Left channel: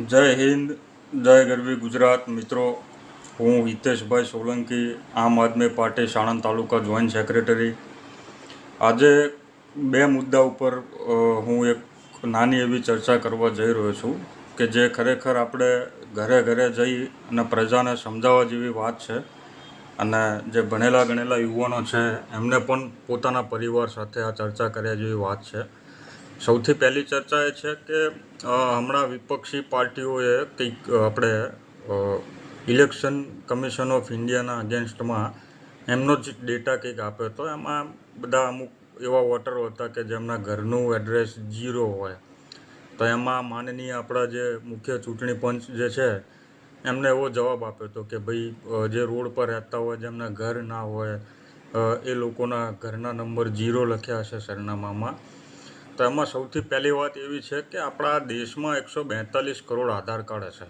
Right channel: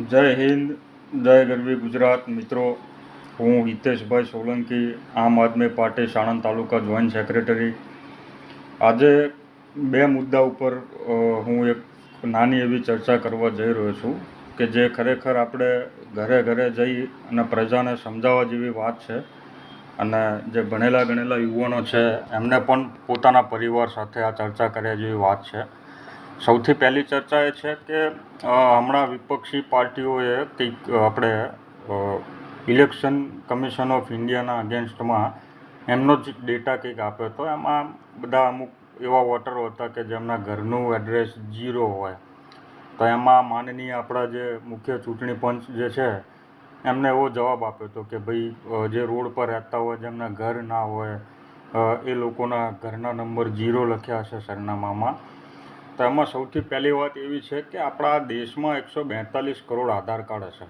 જય હિન્દ, જય ગરવી ગુજરાત. મિત્રો, હું હિતેશભાઈ સોલંકી, આમ આદમી પાર્ટી સાણંદ તાલુકા જોઈન્ટ સેક્રેટરી. આજે બે મુદ્દા ઉપર હું એક નાની એવી ચર્ચા કરવા જઈ રહ્યો છું કે જે ખરેખર આપણે ઘરે ઘરે જઈ અને પ્રજાને સમજાવવા જેવી વાત છે. અને જે ભણેલા ગણેલા યુવાનો છે એમને પણ પોતાના પરિવાર સાથે આ ચર્ચા કર્યા જેવી વાત છે. સૌથી પહેલી ચર્ચા એ છે કે હમણાં વિપક્ષી પાર્ટીઓએ કંઈક આપણે ઇલેક્શન કમિશન ઓફ ઇન્ડિયાના અગેન્સ્ટમાં એમનો જ ડેટા કંઈક આપ્યો હતો. એમાં બધા અમુક એવા વોટરો હતા કે જેમના ઘરનું એડ્રેસ 0 હોય. તો એમાં માનનીય આપણા જે મુખ્ય ચૂંટણી પંચ જે છે એમને એવો જવાબ આપ્યો હતો કે ભાઈ જે રોડ પર રહેતા હોય જેમના ઘર ના હોય એ લોકોના ઘરના નંબર 0 લખ્યા હશે સરનામામાં. તો એમાં સૌથી પહેલી વાત એવી છે કે આપણા દેશમાં 142 કરોડ આધાર કાર્ડ હશે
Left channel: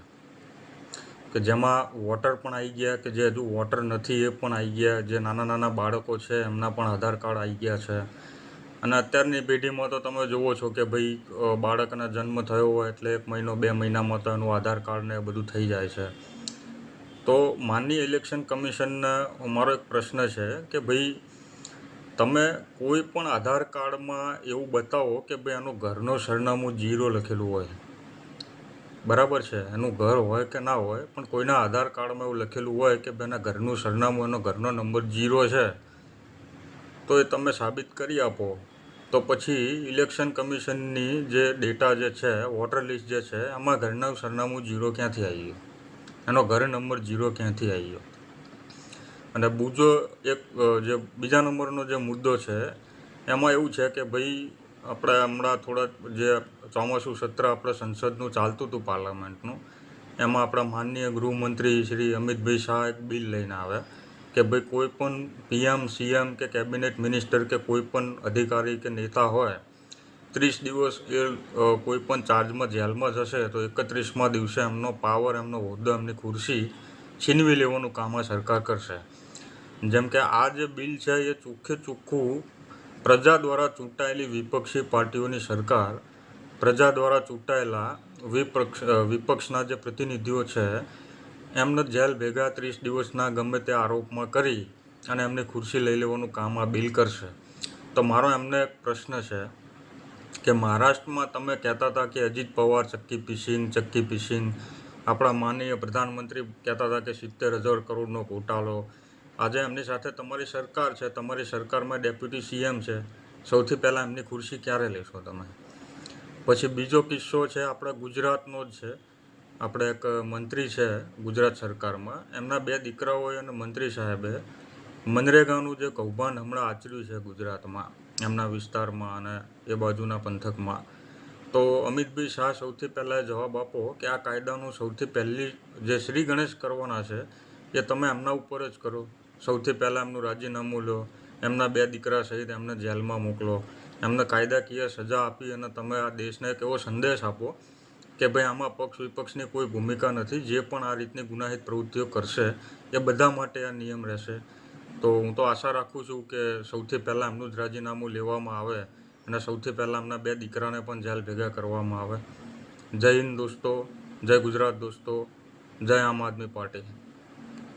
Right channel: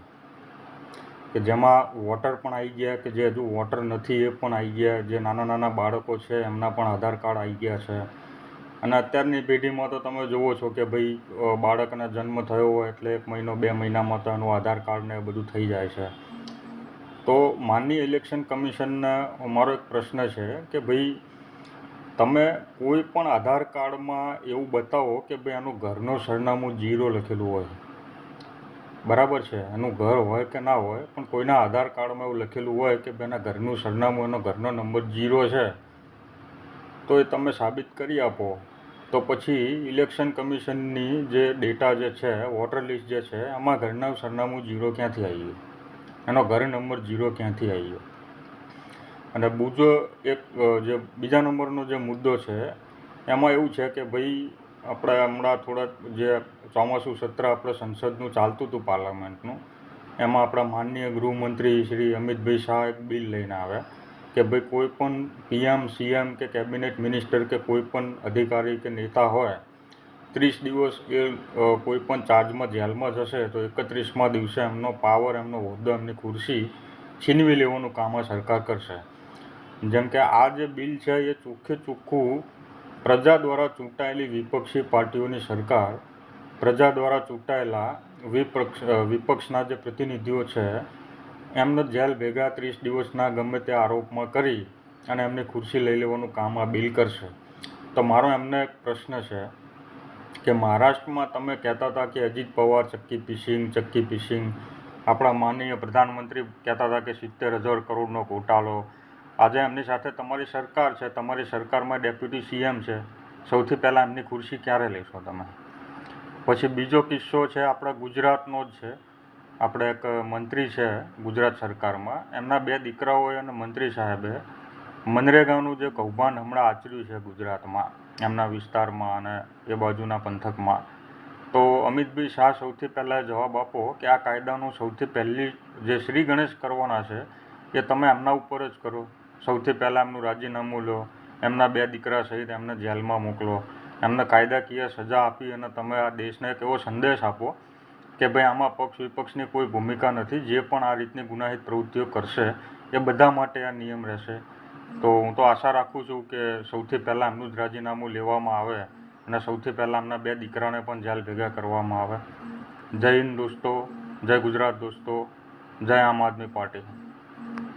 કે જેમાં વોટર પણ આવી ગયા, કે જે હજુ વોટર નથી એ પણ આવી ગયા, જે નાના નાના બાળકો છે એમના પણ આધાર કાર્ડ આવી ગયા છે. અને અત્યારની પેઢીમાં તો તમે જુઓ છો કે ભાઈ બાળકના જન્મ થયો હોય એટલે 1 મહિનો 2 મહિનામાં તો એનું આધાર કાર્ડ ને બધું થઈ જાય છે. તો માનનીય ઇલેક્શન કમિશનને મારો એક પ્રશ્ન છે કે ભાઈ તમે કોઈ પણ આધાર કાર્ડમાં એવું બતાવો કે ભાઈ આનું ઘરનું સરનામું 0 લખેલું હોય. બરાબર છે, એનું ઘર હોય કે ના હોય, પણ કોઈના આધાર કાર્ડમાં એવું લખેલું હોય કે ભાઈ એના ઘરનું સરનામું, એનો ઘરનો નંબર 0 છે, તો એ તમે સાબિત કરી આપો. તો પછી ઇલેક્શન કમિશનની જે ડેટા જે છે, વોટર લિસ્ટ જે છે, એમાં ઘરનું સરનામું 0 ક્યાંથી આવી ગયું, એનો ઘર નંબર 0 ક્યાંથી આવી ગયો. અને બીજા નંબરનો જે મુદ્દો છે એમાં એવું છે કે ભાઈ આપણે હમણાં થોડા જે ચોમાસું સત્ર આપણે સંસદનું ચાલતું હતું પાર્લામેન્ટનું, એમાં આપણા માનનીય ગૃહમંત્રી શ્રી અમિતભાઈ શાહ એક બિલ લઈને આવ્યા કે ભાઈ કોઈ પણ PM, CM કે કેબિનેટ મિનિસ્ટર કે કોઈ પણ અધિકારી કે નેતા હોય 30 દિવસ એ કોઈ પણ ચાર્જમાં જેલમાં જશે તો 31મા દિવસે એમનો પાવર, એમનો હોદ્દો, એમની ખુરશી છીનવી લેવાનું કામ આ સરકાર કરશે. જેમ કે આ જે બિલ છે એ ચોખ્ખું પ્રજા દ્વારા ચૂંટાયેલી વિપક્ષી પાર્ટીઓની સરકાર, પ્રજા દ્વારા ચૂંટાયેલા વિપક્ષના જે પ્રતિનિધિઓ છે એમને જેલ ભેગા 30 દિવસના ગમે તે આરોપમાં કરી અને એમની ખુરશી લઈ લેવાનું કામ આ બિલ કરશે. તો મારો એમને એક પ્રશ્ન છે કે મહારાષ્ટ્રમાં તમે કહેતા હતા કે અજીત પવાર ચક્કી પીસિંગ, આપણા માનનીય પ્રધાનમંત્રી કહેતા હતા કે 70,000 કરોડનો ઘોટાલો. આજે એમની સાથે તમારી સરકાર છે, તમારી સરકારમાં ડેપ્યુટી CM છે. સૌથી પહેલાં એમની ખુરશી ક્યારે લેશો તમે? પછી બીજો કિસ્સો છે આપણા ગુજરાતનો જ છે. આપણે એક મંત્રી છે ગુજરાત સરકારમાં, એમના 2 દીકરાઓએ અને મંત્રી સાહેબે મનરેગાનું જે કૌભાંડ હમણાં આચર્યું છે ગુજરાતમાં, એમના વિસ્તારમાં અને એ બાજુના પંથકમાં. તો અમિતભાઈ શાહ, સૌથી પહેલાં જવાબ આપો કે આ કાયદાનું સૌથી પહેલી જે શ્રી ગણેશ કરવાના છે એ તમે એમના ઉપર જ કરો. સૌથી પહેલાં એમનું રાજીનામું લો, એમના 2 દીકરા સહિત એમને જેલમાં મોકલો, એમને કાયદાકીય સજા આપી અને તમે આ દેશને એક એવો સંદેશ આપો કે ભાઈ આમાં પક્ષ વિપક્ષની કોઈ ભૂમિકા નથી. જે પણ આ રીતની ગુનાહિત પ્રવૃત્તિઓ કરશે એ બધા માટે આ નિયમ રહેશે. તો હું તો આશા રાખું છું કે સૌથી પહેલાં એમનું જ રાજીનામું લેવામાં આવે અને સૌથી પહેલાં એમના 2 દીકરાને પણ જેલ ભેગા કરવામાં આવે. જય હિન્દ દોસ્તો, જય ગુજરાત દોસ્તો, જય આમ આદમી પાર્ટી.